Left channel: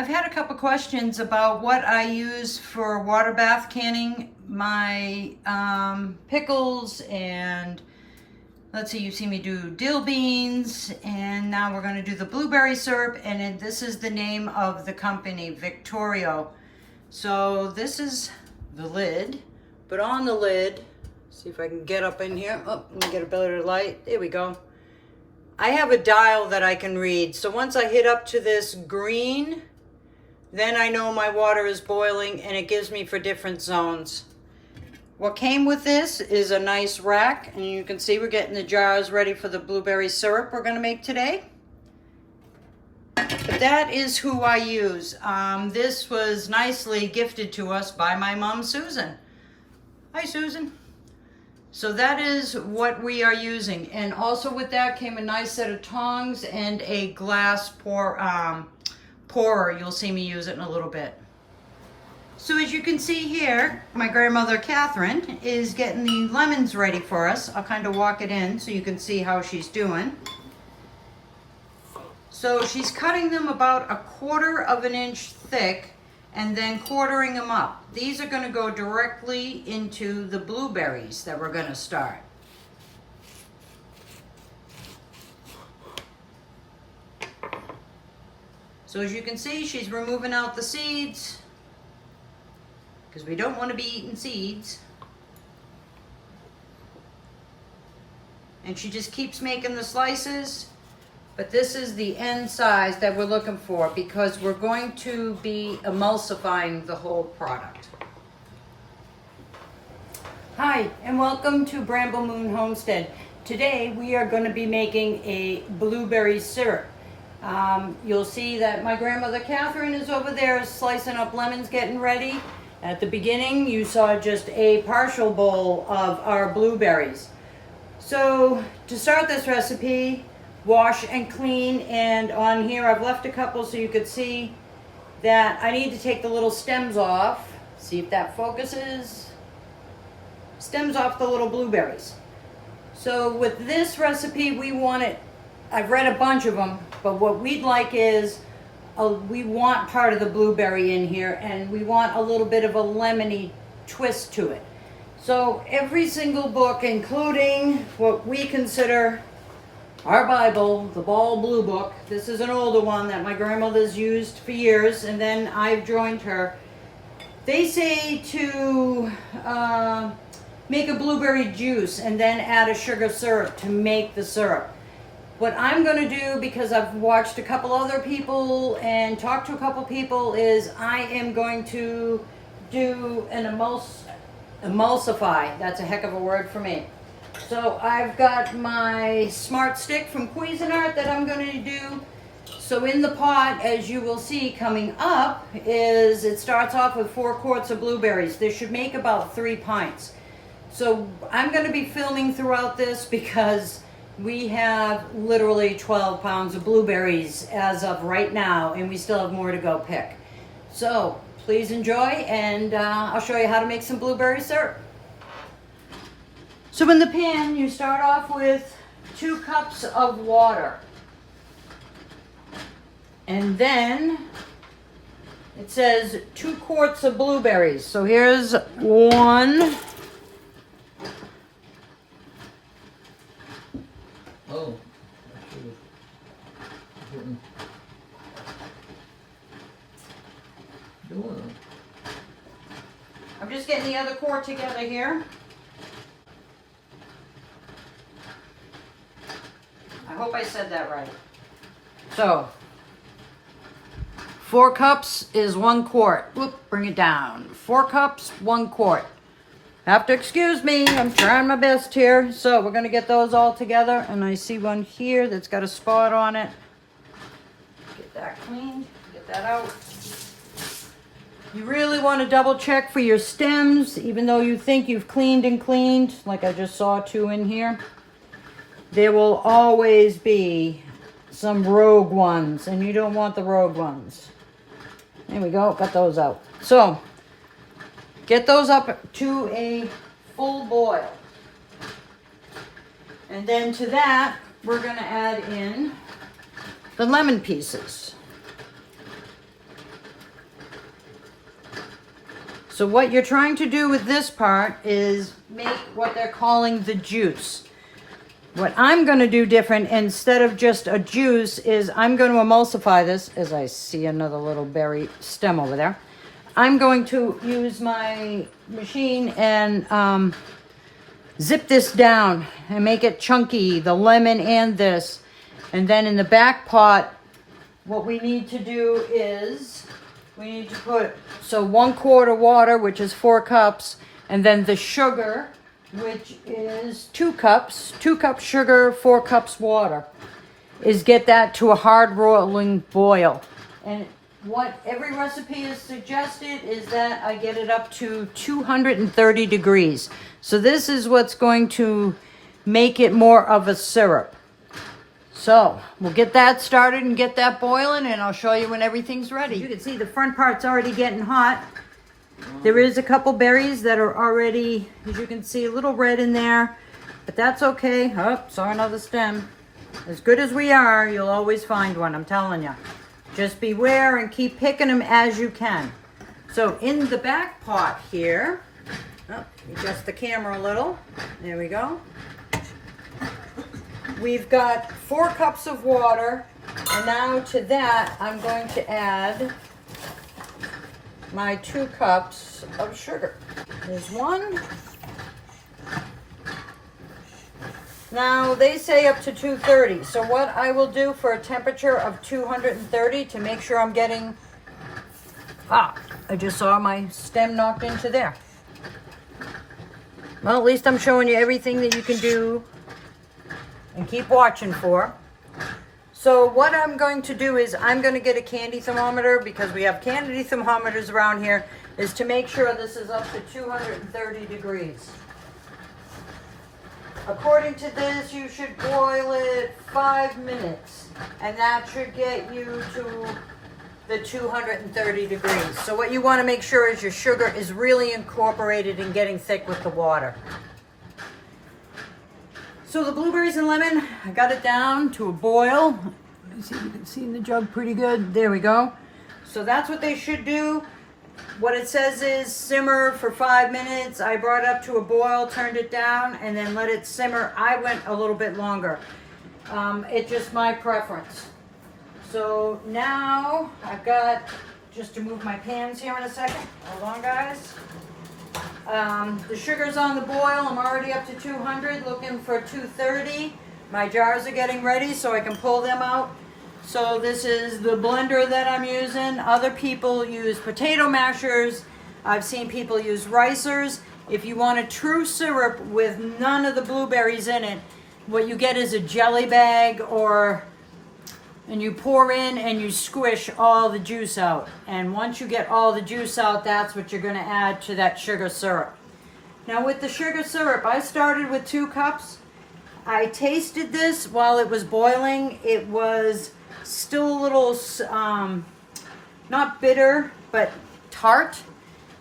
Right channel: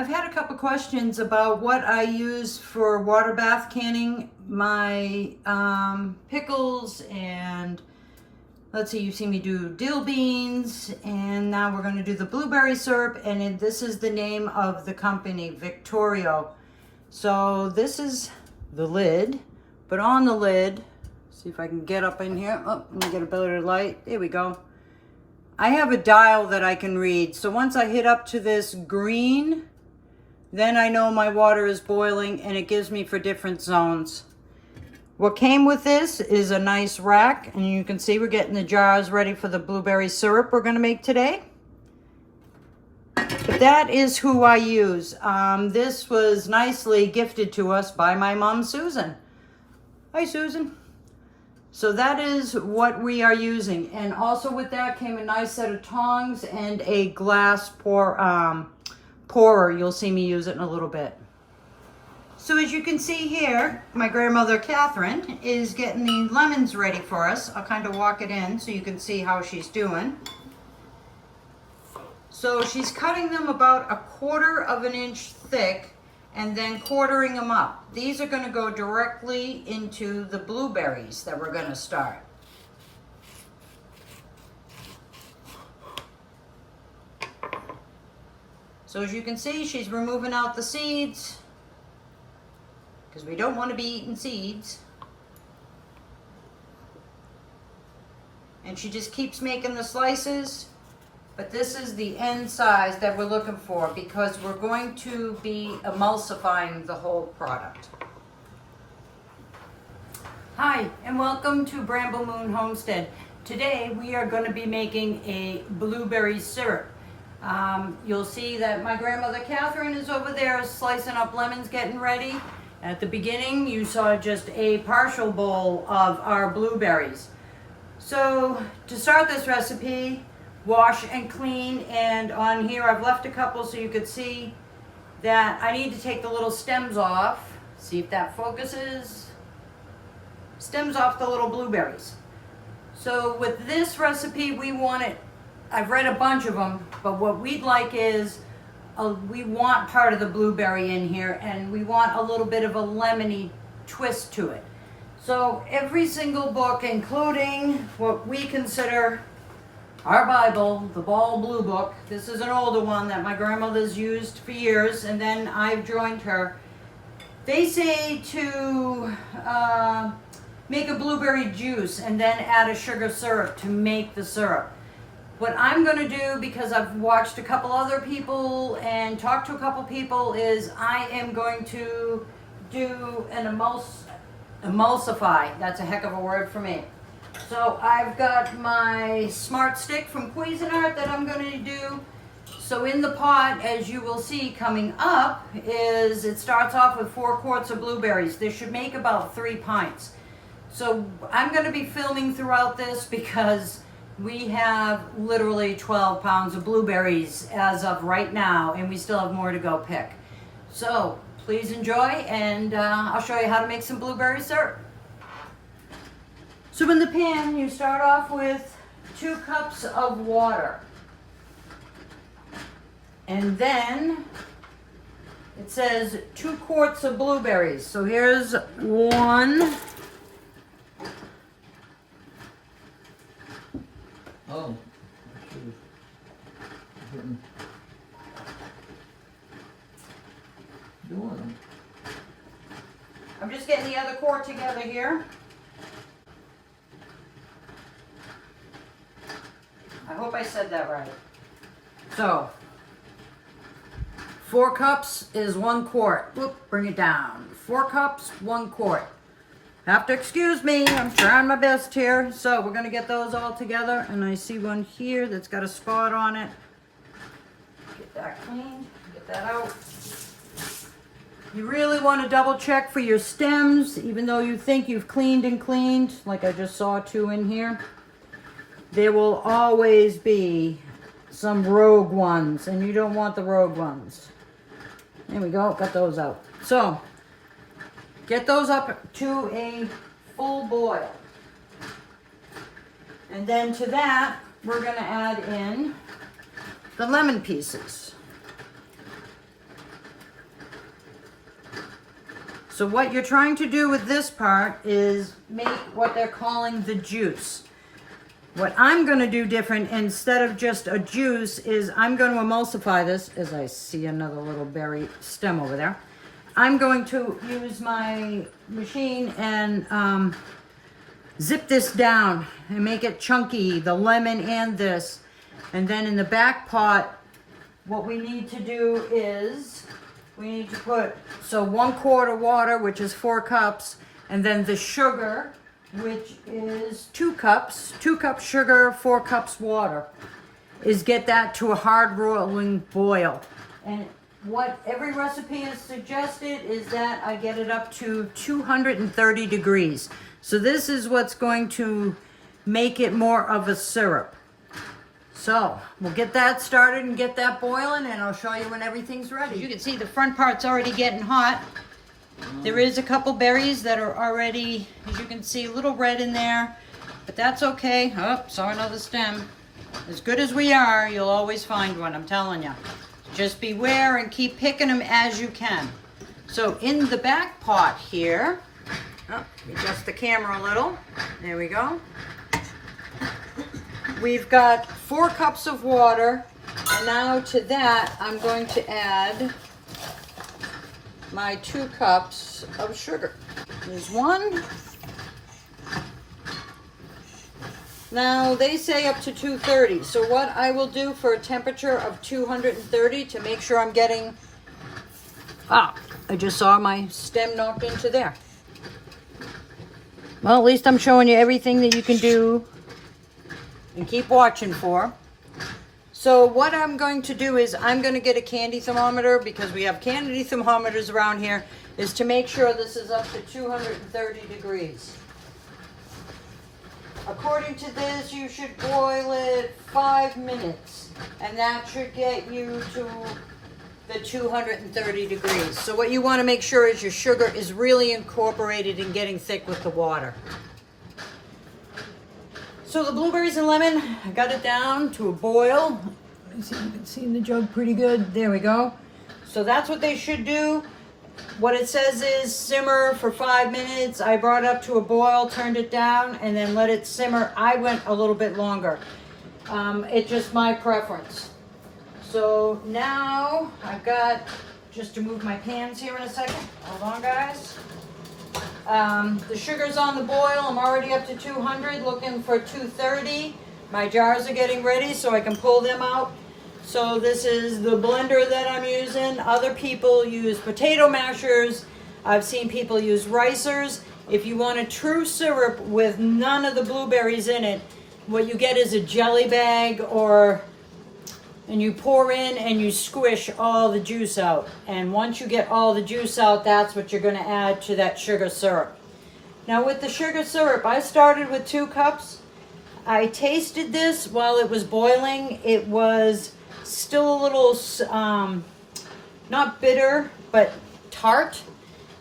I've had a couple questions about what I use for water bath canning my pickles, and let's see, you've seen me do dill beans, and now we're going to do the blueberry syrup, and this is the name of the company, Victorio. So this is the lid, but on the lid, see if I can get up in here. Oh, let me get a better light. There we go. I have a dial that I can read. So once I hit up to this green, then I know my water is boiling, and it gives me for different zones. What came with this is a nice rack, and you can see we're getting the jars ready for the blueberry syrup we're gonna make today. But that is who I use. This was nicely gifted to us by my mom, Susan. Hi, Susan. So that is what we are using. And also with that came a nice set of tongs and a glass pourer. You'll see me use it in a little bit. So as you can see here, my grandmother Catherine is getting the lemons ready for us. I'll kind of walk it in so you can see how she's doing. So she's cutting them about 1/4 of an inch thick and then quartering them up. These are going to go directly into the blueberries that we're going to start. So as you can see, she's removing out the seeds because we don't want to be eating seeds. And she just keeps making the slices. But this is the end size that we're looking for because we're going to be emulsifying the whole product. Hi, and welcome to Bramble Moon Homestead. Today we are going to be making a blueberry syrup. You'll see that my grandmother Catherine is over there slicing up lemons, getting ready. At the beginning you saw just a partial bowl of our blueberries. So to start this recipe, wash and clean, and on here I've left a couple so you could see that I need to take the little stems off. See if that focuses. Stems off the little blueberries. So with this recipe we want it, I've read a bunch of them, but what we'd like is we want part of the blueberry in here, and we want a little bit of a lemony twist to it. So every single book, including what we consider our Bible, the Ball Blue Book. This is an older one that my grandmother's used for years, and then I've joined her. They say to make a blueberry juice and then add a sugar syrup to make the syrup. What I'm going to do, because I've watched a couple other people and talked to a couple people, is I am going to do an emulsify. That's a heck of a word for me. So I've got my smart stick from Cuisinart that I'm going to do. So in the pot, as you will see coming up, is it starts off with 4 quarts of blueberries. This should make about 3 pints. So I'm going to be filming throughout this because we have literally 12 pounds of blueberries as of right now, and we still have more to go pick. So please enjoy, and I'll show you how to make some blueberry syrup. So in the pan, you start off with 2 cups of water. And then it says 2 quarts of blueberries. So here's 1. Oh, doing. I'm just getting the other quart together here. I hope I said that right. So, 4 cups is 1 quart. Whoop, bring it down. 4 cups, 1 quart. Have to excuse me, I'm trying my best here. So we're gonna get those all together, and I see one here that's got a spot on it. Get that cleaned, get that out. You really want to double check for your stems, even though you think you've cleaned and cleaned, like I just saw 2 in here. There will always be some rogue ones, and you don't want the rogue ones. There we go, got those out. So, get those up to a full boil. And then to that, we're gonna add in the lemon pieces. So what you're trying to do with this part is make what they're calling the juice. What I'm going to do different, instead of just a juice, is I'm going to emulsify this, as I see another little berry stem over there. I'm going to use my machine and zip this down and make it chunky, the lemon and this. And then in the back pot, what we need to do is we need to put, so 1 quart of water, which is 4 cups, and then the sugar, which is 2 cups, 2 cups sugar, 4 cups water, is get that to a hard rolling boil. And what every recipe has suggested is that I get it up to 230 degrees. So this is what's going to make it more of a syrup. So we'll get that started and get that boiling, and I'll show you when everything's ready. You can see the front part's already getting hot. There is a couple berries that are already, as you can see, a little red in there, but that's okay. Oh, saw another stem. As good as we are, you'll always find one, I'm telling you. Just beware and keep picking them as you can. So in the back pot here, adjust the camera a little. There we go. We've got 4 cups of water, and now to that I'm going to add my 2 cups of sugar. There's 1. Now they say up to 230. So what I will do for a temperature of 230 to make sure I'm getting, I just saw my stem knocked into there. Well, at least I'm showing you everything that you can do and keep watching for. So what I'm going to do is I'm going to get a candy thermometer, because we have candy thermometers around here, is to make sure this is up to 230 degrees. According to this, you should boil it 5 minutes, and that should get you to the 230 degrees. So what you want to make sure is your sugar is really incorporated and getting thick with the water. So the blueberries and lemon, I got it down to a boil. You can see in the jug pretty good. There we go. So that's what they should do. What it says is simmer for 5 minutes. I brought it up to a boil, turned it down, and then let it simmer. I went a little bit longer. It's just my preference. So now I've got, just to move my pans here in a second. Hold on, guys. The sugar's on the boil. I'm already up to 200, looking for 230. My jars are getting ready so I can pull them out. So this is the blender that I'm using. Other people use potato mashers. I've seen people use ricers. If you want a true syrup with none of the blueberries in it, what you get is a jelly bag, and you pour in and you squish all the juice out. And once you get all the juice out, that's what you're going to add to that sugar syrup. Now with the sugar syrup, I started with 2 cups. I tasted this while it was boiling. It was still a little, not bitter, but tart.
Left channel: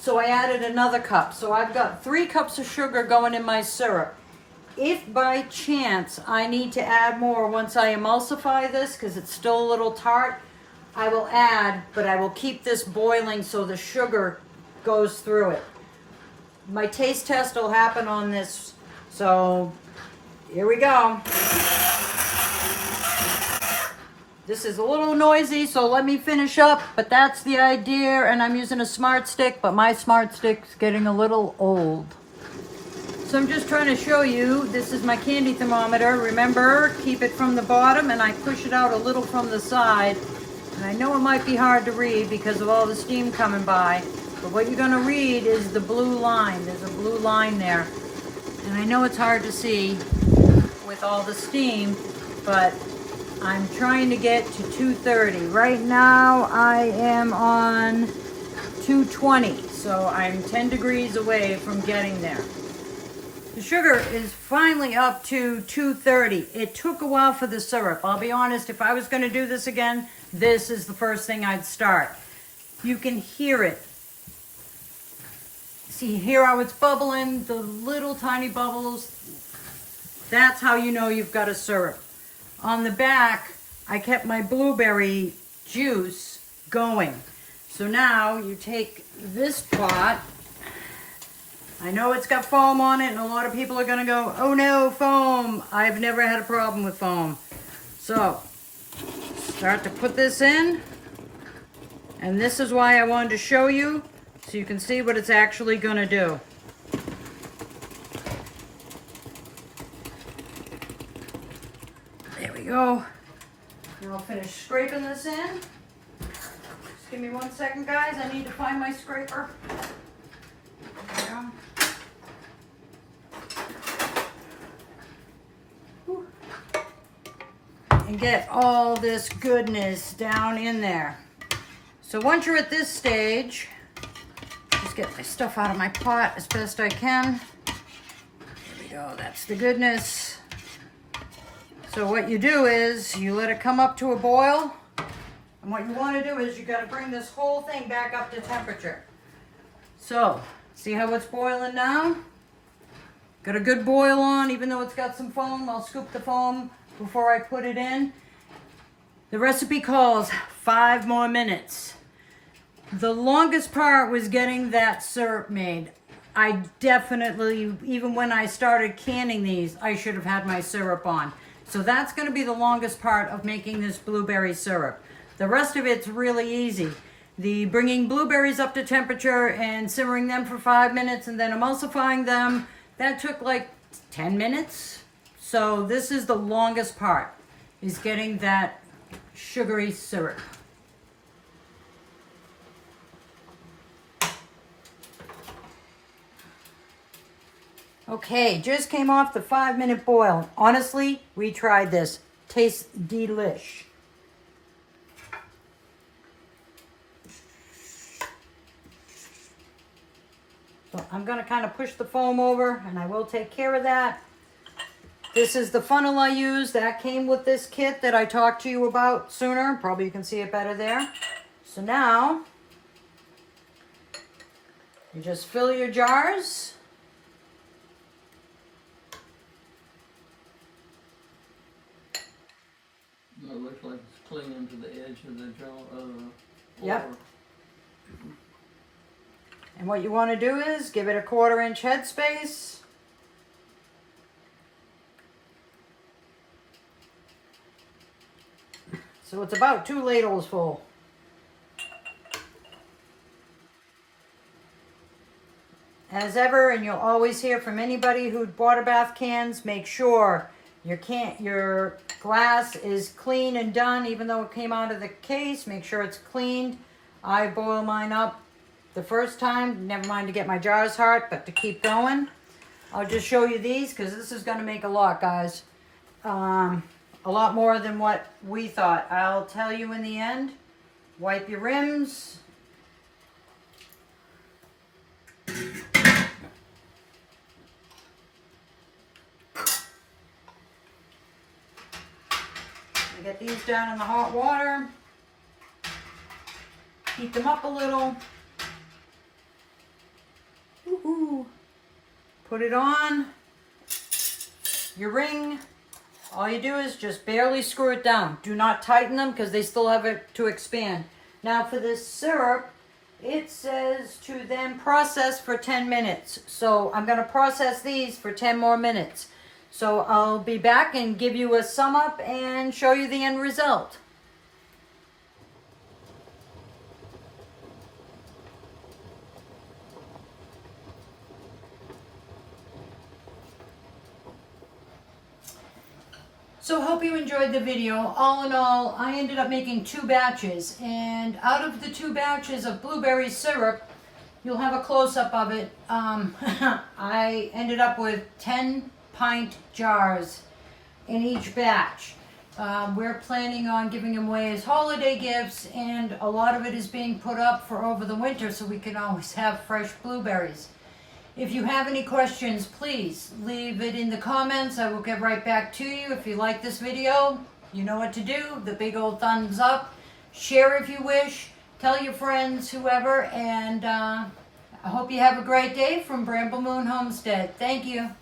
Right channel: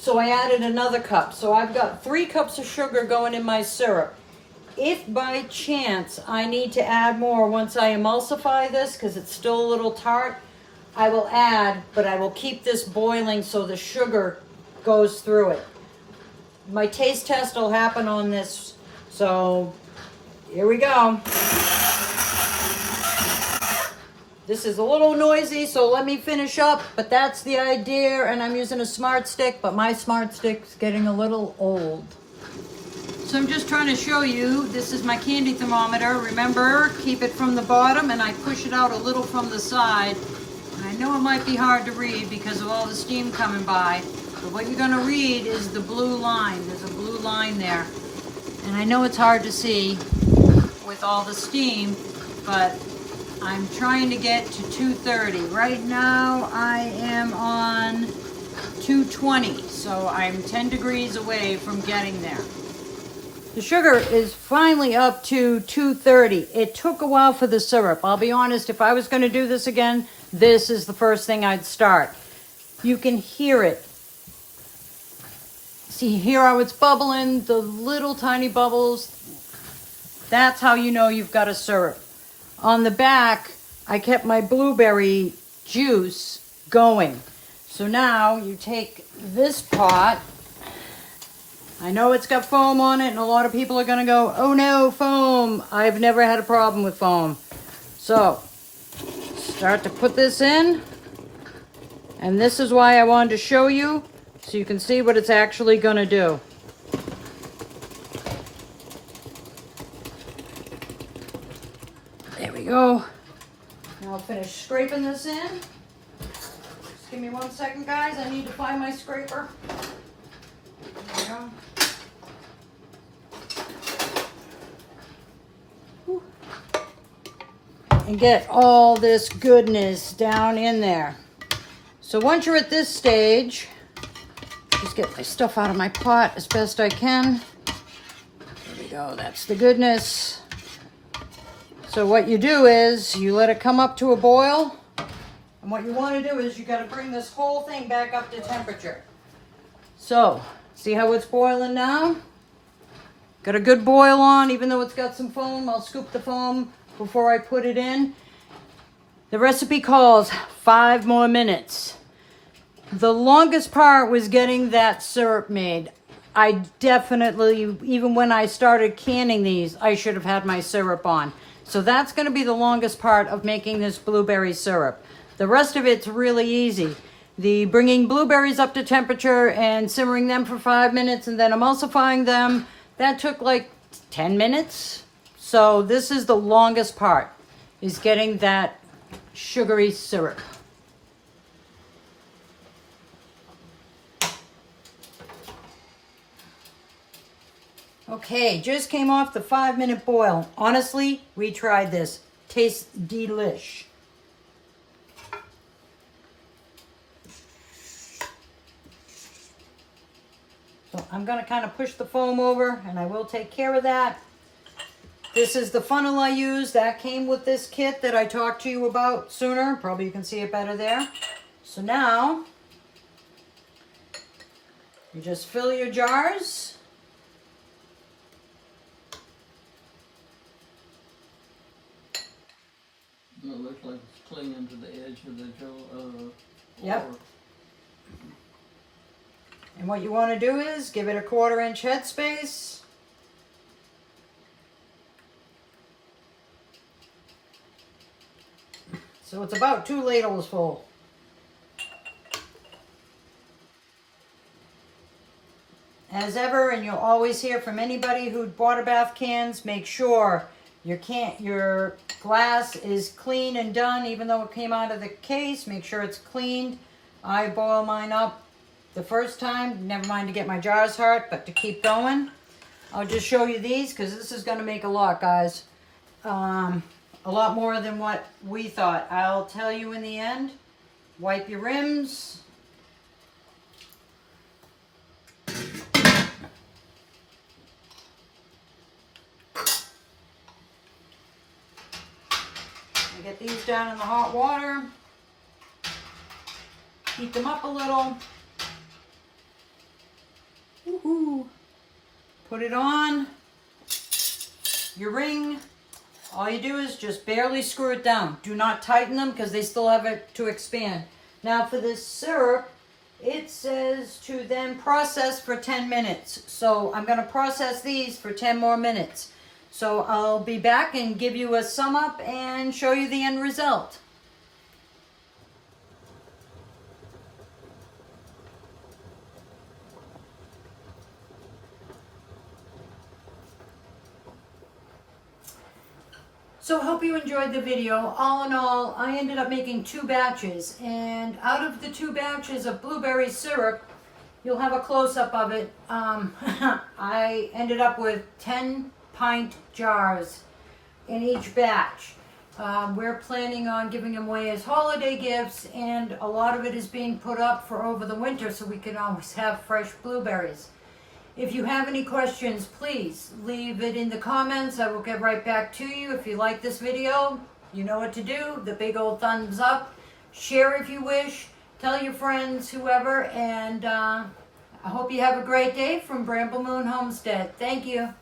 So I added another cup. So I've got 3 cups of sugar going in my syrup. If by chance I need to add more once I emulsify this, because it's still a little tart, I will add, but I will keep this boiling so the sugar goes through it. My taste test will happen on this. So here we go. This is a little noisy, so let me finish up, but that's the idea, and I'm using a smart stick, but my smart stick's getting a little old. So I'm just trying to show you, this is my candy thermometer. Remember, keep it from the bottom, and I push it out a little from the side. And I know it might be hard to read because of all the steam coming by, but what you're gonna read is the blue line. There's a blue line there. And I know it's hard to see with all the steam, but I'm trying to get to 230. Right now I am on 220, so I'm 10 degrees away from getting there. The sugar is finally up to 230. It took a while for the syrup. I'll be honest, if I was going to do this again, this is the first thing I'd start. You can hear it. See, hear how it's bubbling, the little tiny bubbles. That's how you know you've got a syrup. On the back, I kept my blueberry juice going. So now you take this pot I know it's got foam on it, and a lot of people are gonna go, oh no, foam. I've never had a problem with foam. So, start to put this in. And this is why I wanted to show you, so you can see what it's actually gonna do. There we go. Now I'll finish scraping this in. Just give me 1 second, guys. I need to find my scraper. There we go. And get all this goodness down in there. So once you're at this stage, just get my stuff out of my pot as best I can. There we go, that's the goodness. So what you do is you let it come up to a boil. And what you want to do is you got to bring this whole thing back up to temperature. So, see how it's boiling now? Got a good boil on, even though it's got some foam. I'll scoop the foam before I put it in. The recipe calls 5 more minutes. The longest part was getting that syrup made. I definitely, even when I started canning these, I should have had my syrup on. So that's going to be the longest part of making this blueberry syrup. The rest of it's really easy. The bringing blueberries up to temperature and simmering them for 5 minutes and then emulsifying them, that took like 10 minutes. So this is the longest part, is getting that sugary syrup. Okay, just came off the 5-minute boil. Honestly, we tried this. Tastes delish. So I'm going to kind of push the foam over, and I will take care of that. This is the funnel I use. That came with this kit that I talked to you about sooner. Probably you can see it better there. So now, you just fill your jars. It looks like it's clinging to the edge of the jar. Yep. And what you want to do is give it a 1/4 inch headspace. So it's about 2 ladles full. As ever, and you'll always hear from anybody who water bath cans, make sure your glass is clean and done, even though it came out of the case. Make sure it's cleaned. I boil mine up the first time, never mind to get my jars hard, but to keep going. I'll just show you these because this is going to make a lot, guys. A lot more than what we thought. I'll tell you in the end. Wipe your rims. Get these down in the hot water. Heat them up a little. Woohoo. Put it on your ring. All you do is just barely screw it down. Do not tighten them because they still have it to expand. Now for this syrup, it says to then process for 10 minutes. So I'm going to process these for 10 more minutes. So I'll be back and give you a sum up and show you the end result. So I hope you enjoyed the video. All in all, I ended up making 2 batches, and out of the 2 batches of blueberry syrup, you'll have a close-up of it. I ended up with 10 pint jars in each batch. We're planning on giving them away as holiday gifts, and a lot of it is being put up for over the winter so we can always have fresh blueberries. If you have any questions, please leave it in the comments. I will get right back to you. If you like this video, you know what to do. The big old thumbs up. Share if you wish. Tell your friends, whoever. And I hope you have a great day from Bramble Moon Homestead. Thank you.